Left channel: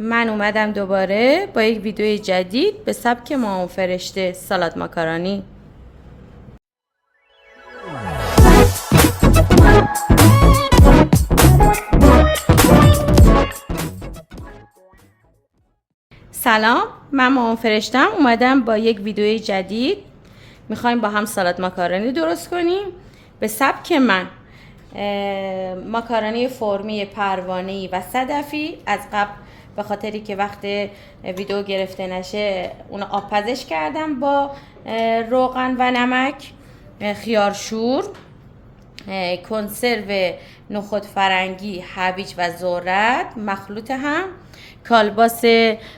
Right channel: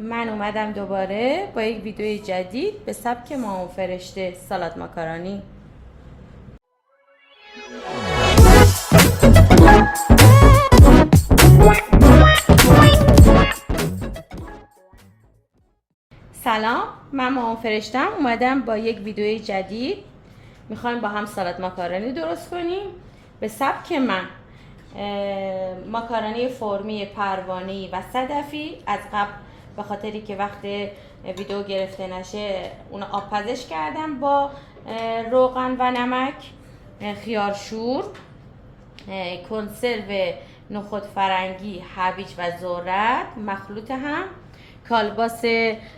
من اومدم دوباره با یک ویدیو جدید به سبک مامان فرشته سالاد ماکارونی. سلام، من مامان فرشتم. اومدم با یک ویدیو جدید. میخوایم با هم سالاد ماکارونی درست کنیم به سبک من. ماکارونی فرمی پروانه‌ای و صدفی از قبل به خاطری که وقت ویدیو گرفته نشه اون آبپزش کردم با روغن و نمک، خیارشور، کنسرو نخود فرنگی، هویج و ذرت مخلوط هم، کالباس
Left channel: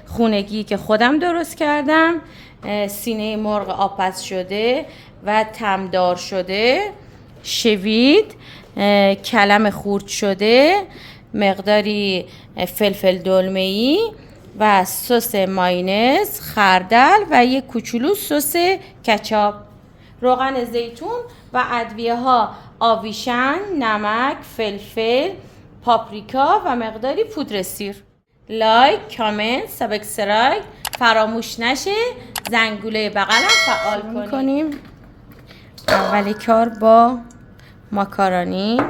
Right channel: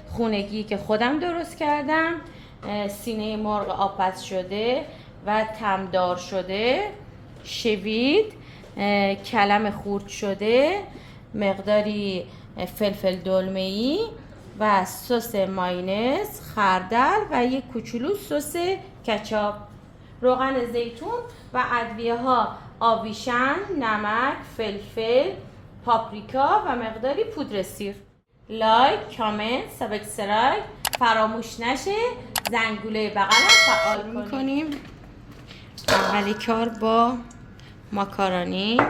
خونگی که خودم درست کردم، سینه مرغ آبپز شده و تمدار شده، شوید، کلم خورد شده، مقداری فلفل دلمه‌ای و سس مایونز، خردل و یک کوچولو سس کچاپ، روغن زیتون و ادویه ها آویشن، نمک، فلفل، پاپریکا و مقداری پودر سیر. لایک، کامنت، سابسکرایب فراموش نشه. زنگوله بغلم فعال کنیم. اولی کار با ماکارونی،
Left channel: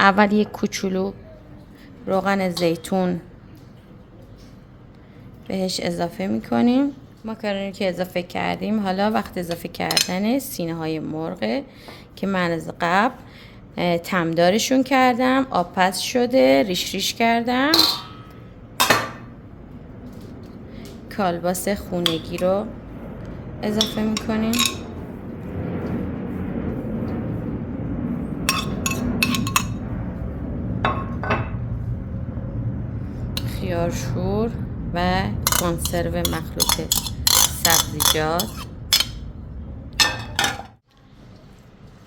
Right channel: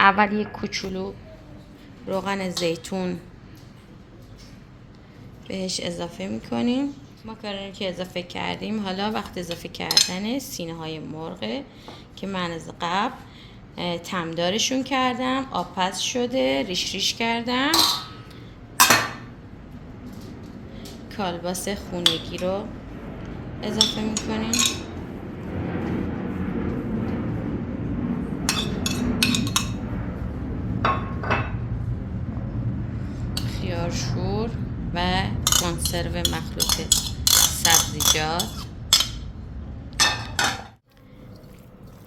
اول یک کوچولو روغن زیتون بهش اضافه میکنیم. ماکارونی که اضافه کردیم، حالا وقت اضافه کردن سینه های مرغ که من از قبل تمدارشون کردم، آبپز شده، ریش ریش کردم. کالباس خونگی رو اضافه میکنیم، خیارشور و کنسرو مخلوط سبزیجات.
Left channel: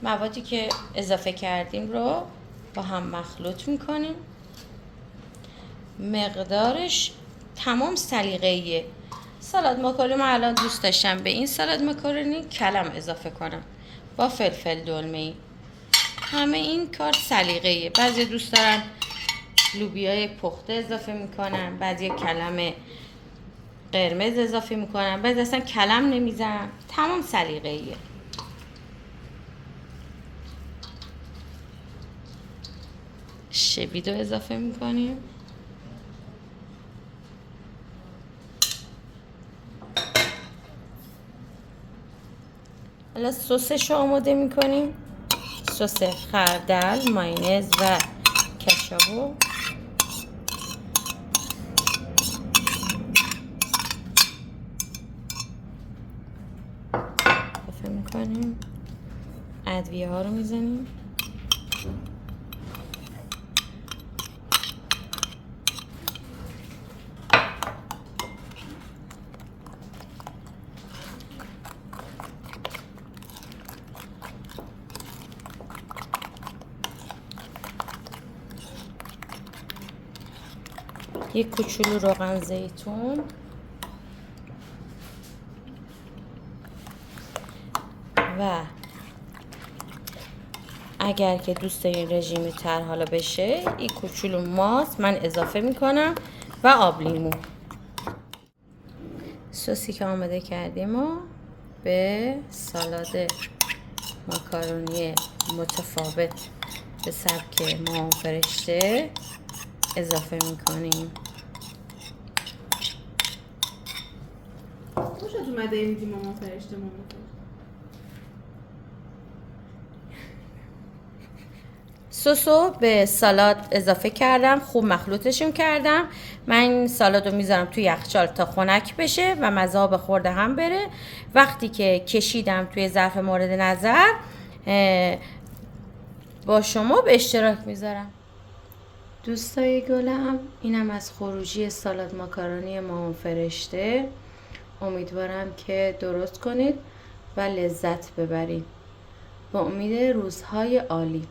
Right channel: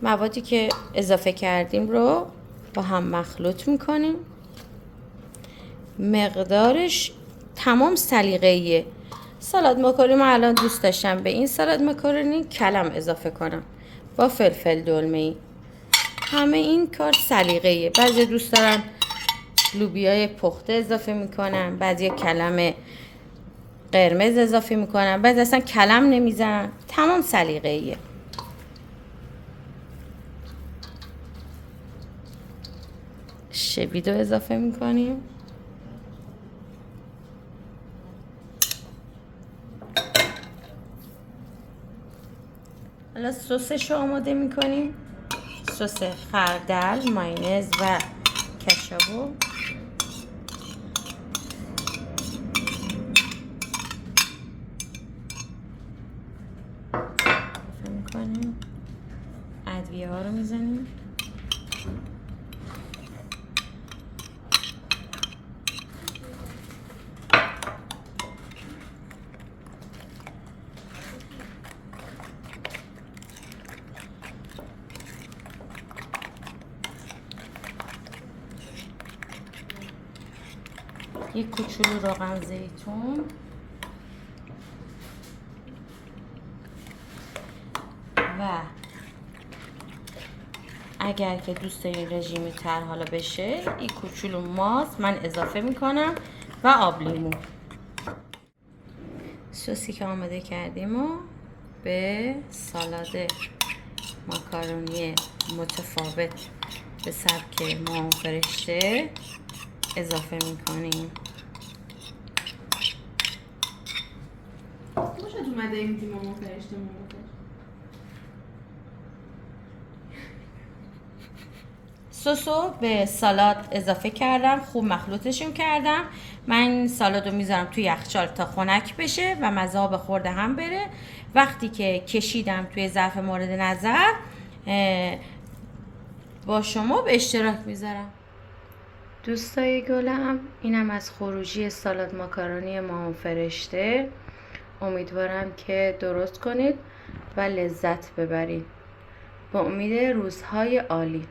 موادی که اضافه کردیم رو با هم مخلوط میکنیم. مقدارش تمام سلیقه‌ایه. سالاد ماکارونی من الان دوست داشتم به این سالاد ماکارونی کلم اضافه کنم با فلفل دلمه‌ای. همه این کار سلیقه‌ایه. بعضی دوست دارن لوبیای پخته اضافه میکنن، بعضی کلم قرمز اضافه میکنن، بعضی اصلا کلم نمیزنن. تمام سلیقه‌ایه. شوید رو اضافه میکنیم. حالا سسش رو آماده میکنیم. سس خردل، مایونز و کچاپو اضافه میکنیم. ادویه ها رو میزنیم. یک کوچولو روغن زیتون و اگر که دوست دارین رژیمی تر حالا بشه، یک کوچولو ماست من اضافه میکنم و آب لیمو. سوسی که آماده کردیم و به سالاد ماکارونی متفاوت به سبک مامان فرشته اضافه میکنیم. خوشت اومده این مامان فرشته؟ سسو به سالاد اضافه کردم، خوب مخلوطشون کردم. من سالاد رو میذارم توی یخچال تا خنک بشه و مزه به خورده هم بره. وقتی که کشیدم توی ظرف مورد نظر با شما به اشتراک میذارم. دوستای گلم، اینم از خروجی سالاد ماکارونی مامان فرشته. امیدوارم که درست کنید و لذت ببرید. با امید روزهای عالی.